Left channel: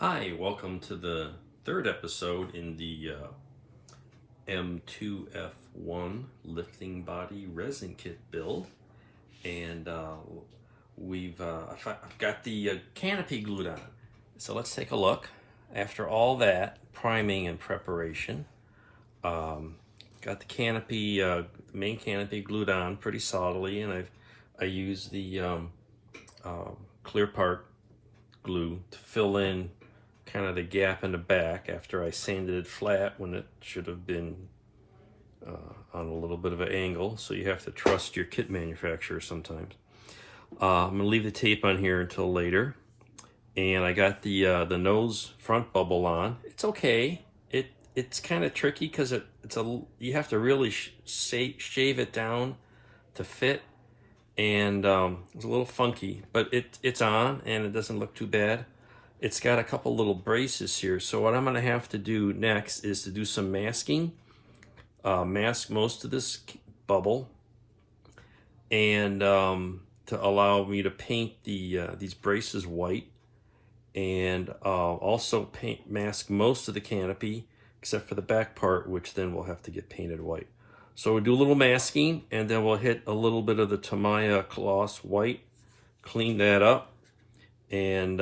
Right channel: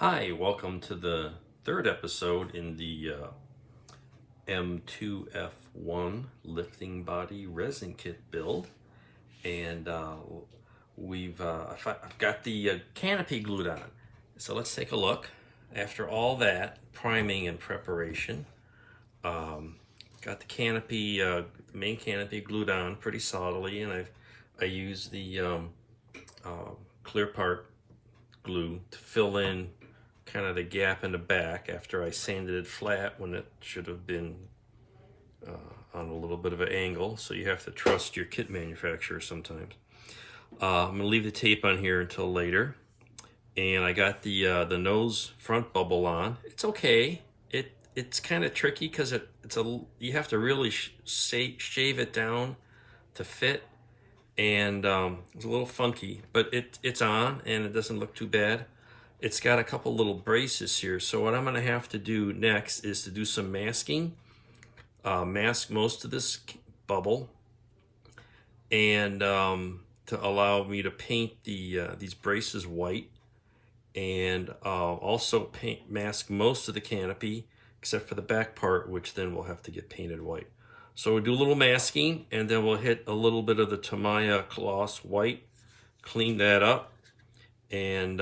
Hi, welcome to the third episode in the M2F1 lifting body resin kit build, and I've got the canopy glued on. So let's take a look. After all that priming and preparation, got the canopy, the main canopy glued on pretty solidly, and I used the clear part glue to fill in kind of the gap in the back after I sanded it flat when it should have been on a little bit of an angle. So you have to trust your kit manufacturer sometimes. I'm gonna leave the tape on here until later. And I got the nose front bubble on. It's okay. It's kind of tricky because you have to really shave it down to fit, and it's a little funky, but it's on and it doesn't look too bad. It's got a couple little braces here, so what I'm going to have to do next is to do some masking, mask most of this bubble, and to allow me to paint these braces white, and also mask most of the canopy except for the back part, which then will have to get painted white. So we'll do a little masking, and then we'll hit a little bit of the Tamiya gloss white, clean that up, and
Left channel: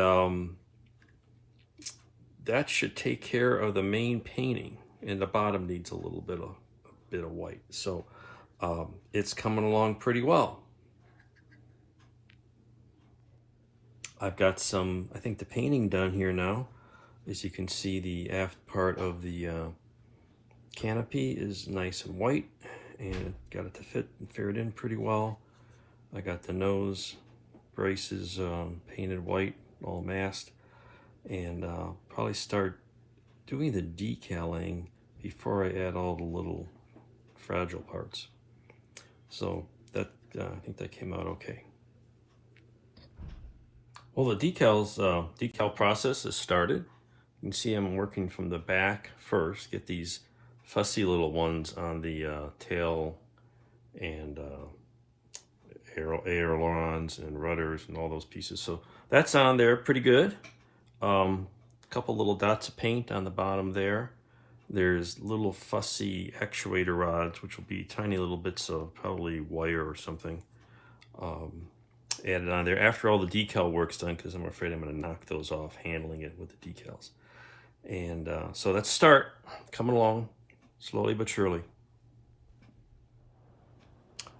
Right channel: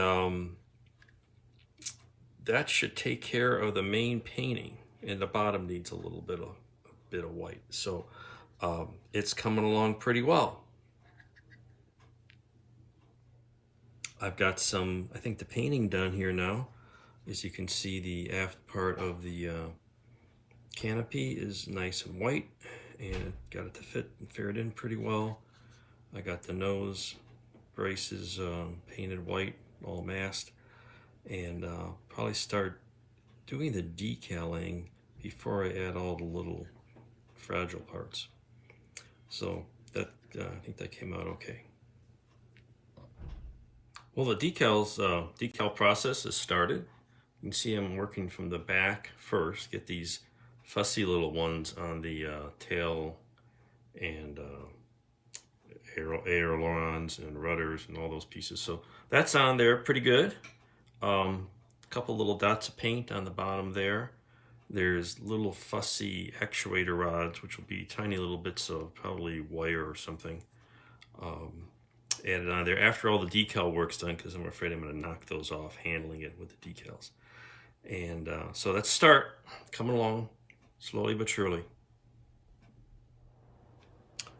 that should take care of the main painting, and the bottom needs a little bit of white. So it's coming along pretty well. I've got I think the painting done here now. As you can see, the aft part of the canopy is nice and white, and got it to fit and fit in pretty well. I got the nose braces painted white, all masked, and probably start doing the decaling before I add all the little fragile parts. So that I think that came out okay. Well, the decal process has started. You can see I'm working from the back first, get these fussy little ones on the tail and ailerons and rudders and all those pieces. So that's on there pretty good. Couple little dots of paint on the bottom there. There's little fussy actuator rods, which will be tiny little bits of probably wire or something, added on there after all the decal work's done, because I'm afraid I'm going to knock those off handling it with the decals. And so let's start coming along slowly but surely.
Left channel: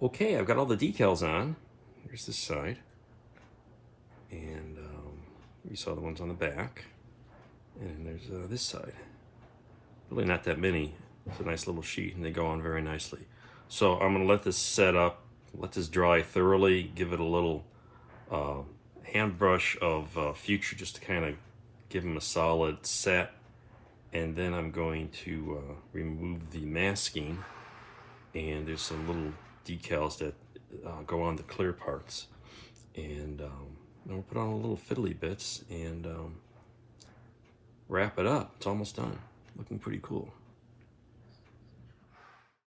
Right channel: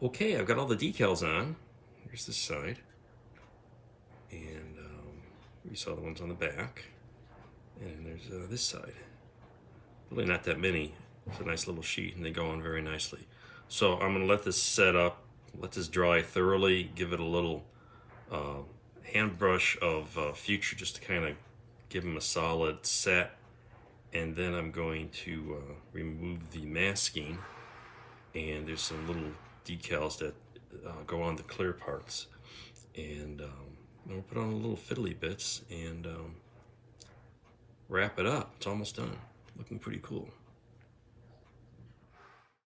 Okay, I've got all the decals on. Here's this side, and you saw the ones on the back, and there's this side. Really not that many. It's a nice little sheet, and they go on very nicely. So I'm going to let this set up, let this dry thoroughly, give it a little hand brush of Future just to kind of give them a solid set, and then I'm going to remove the masking, and there's some little decals that go on the clear parts, and I'll put on a little fiddly bits and wrap it up. It's almost done. Looking pretty cool.